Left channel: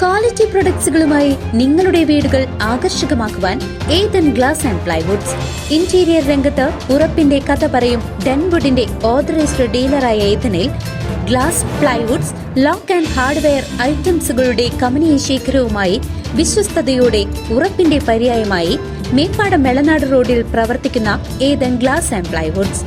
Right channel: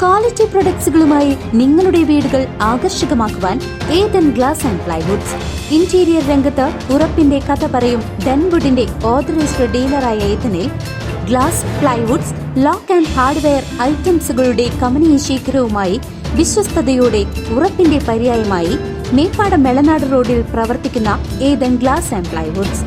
Quality പ്രൊഡക്ട്സുകളുമായി നിങ്ങളുടെ വീടുകൾ ആകർഷകമാക്കുവാൻ Ethan glass and plywoods. Interior രംഗത്ത് ഉറപ്പിന്റെ കഥ പറയും ഡെൻവുഡിന്റെ ഓതറൈസ്ഡ് ഡീലറായ ഏതനിൽ glass, plywoods, lock and hardware ഐറ്റംസുകളുടെ കമനീയ ശേഖരവുമായി വിശ്വസ്തയോടെ ഉറപ്പിന്റെ പര്യായമായി മേപ്പാടം മെളനാട് റോഡിൽ പ്രവർത്തിക്കുന്ന Ethan glass and plywoods.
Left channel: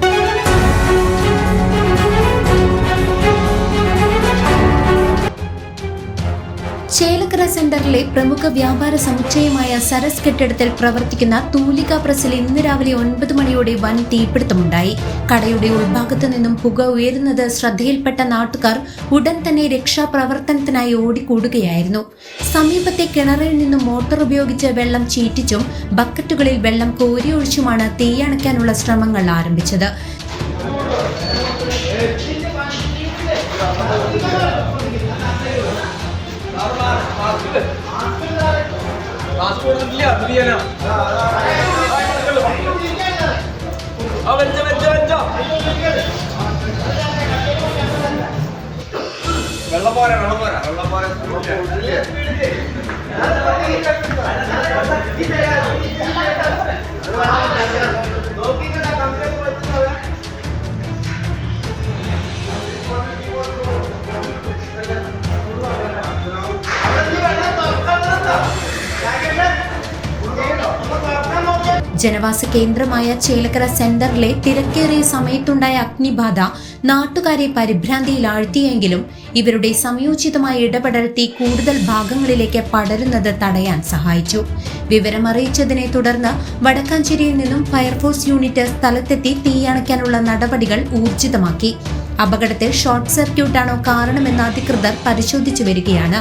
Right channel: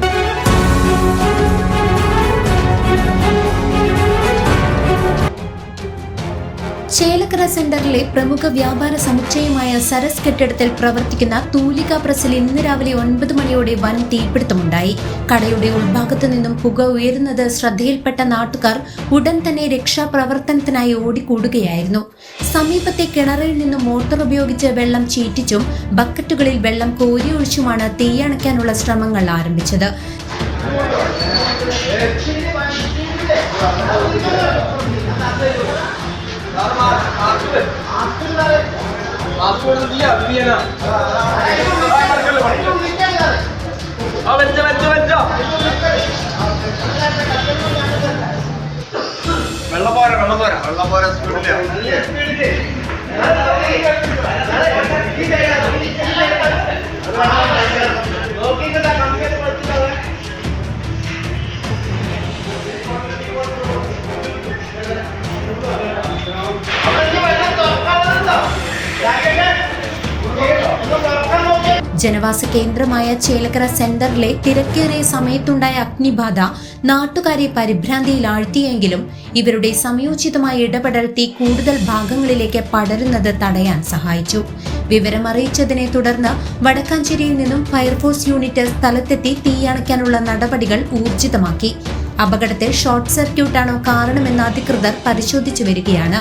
Chelakkara സെന്ററിലെ പ്രമുഖ വ്യാപാര സമുച്ചയമായ സരസ് കെട്ടിടത്തിൽ പ്രവർത്തിക്കുന്ന തൂലിക പ്രസിൽ ഇന്ന് രാവിലെ 9 മണിയോടെ വൻ തീപിടുത്തമുണ്ടായി. കടയുടെ ഉൾഭാഗത്തു നിന്നും പുക ഉയരുന്നത് ശ്രദ്ധയിൽപ്പെട്ട നാട്ടുകാർ ഉടൻ തന്നെ രക്ഷാപ്രവർത്തനത്തിനായി ഓടിക്കൂടുകയായിരുന്നു. സമീപത്തെ കിണറിൽ നിന്നും മോട്ടോർ ഉപയോഗിച്ച് വെള്ളം ചീറ്റിച്ചും ബക്കറ്റുകളിൽ വെള്ളം കോരിയൊഴിച്ചുമാണ് തീയണയ്ക്കാനുള്ള ശ്രമങ്ങൾ ആരംഭിച്ചത്. ജനവാസ കേന്ദ്രമായ ചേലക്കര സെന്ററിലെ തിരക്കേറിയ സമയത്തുണ്ടായ അഗ്നിബാധ നാട്ടുകാരെ പരിഭ്രാന്തിയിലാഴ്ത്തിയെങ്കിലും ഇവരുടെ സംയോജിതമായ ഇടപെടൽ തീ കൂടുതൽ ഭാഗങ്ങളിലേക്ക് പടരുന്നത് തടയാൻ സഹായിച്ചു. വിവരമറിയിച്ചതിനെ തുടർന്ന് വടക്കാഞ്ചേരിയിൽ നിന്നും ഫയർഫോഴ്സ് യൂണിറ്റ് സ്ഥലത്തെത്തി തീയണയ്ക്കാനുള്ള നടപടികൾ ഊർജിതമാക്കി. അപകടത്തിൽ ഷോർട്ട് സർക്യൂട്ടാണോ കാരണമെന്ന് അധികൃതർ പരിശോധിച്ചു വരികയാണ്.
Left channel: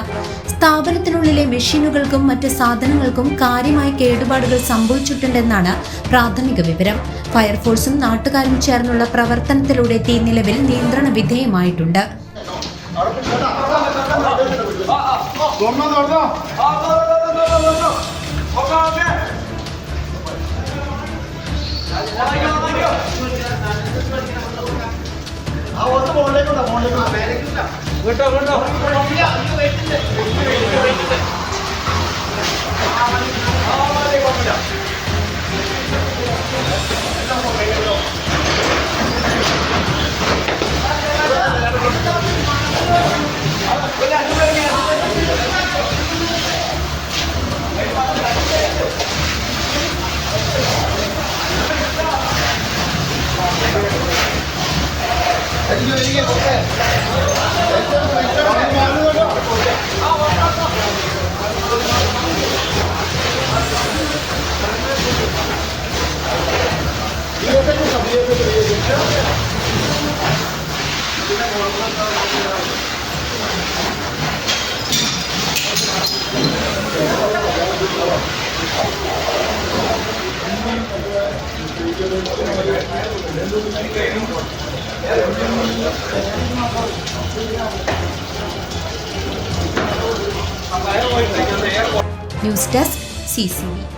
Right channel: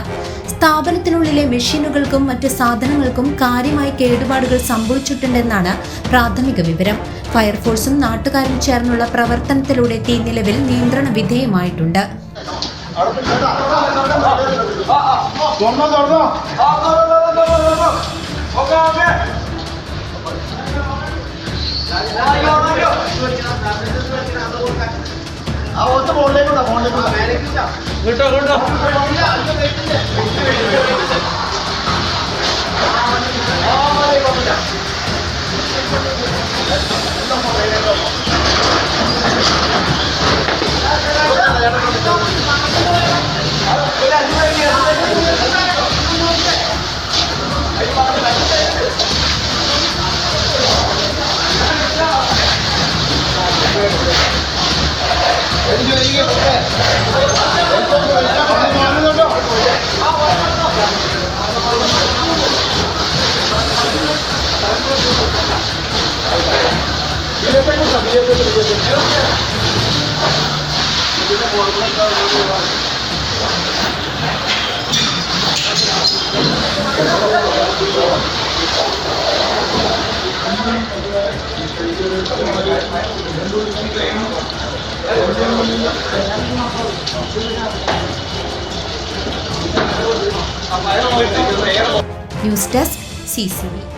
സ്ഥാപനത്തിനുള്ളിലെ മെഷീനുകൾക്കും മറ്റ് സാധനങ്ങൾക്കും കാര്യമായ കേടുപാടുകൾ സംഭവിച്ചിട്ടുണ്ടെന്നാണ് പ്രാഥമിക വിവരം. ഫയർഫോഴ്സും നാട്ടുകാരും ചേർന്നുള്ള പ്രവർത്തനത്തിലൂടെ തീ നിലവിൽ നിയന്ത്രണ വിധേയമായിട്ടുണ്ട്. News desk CCV.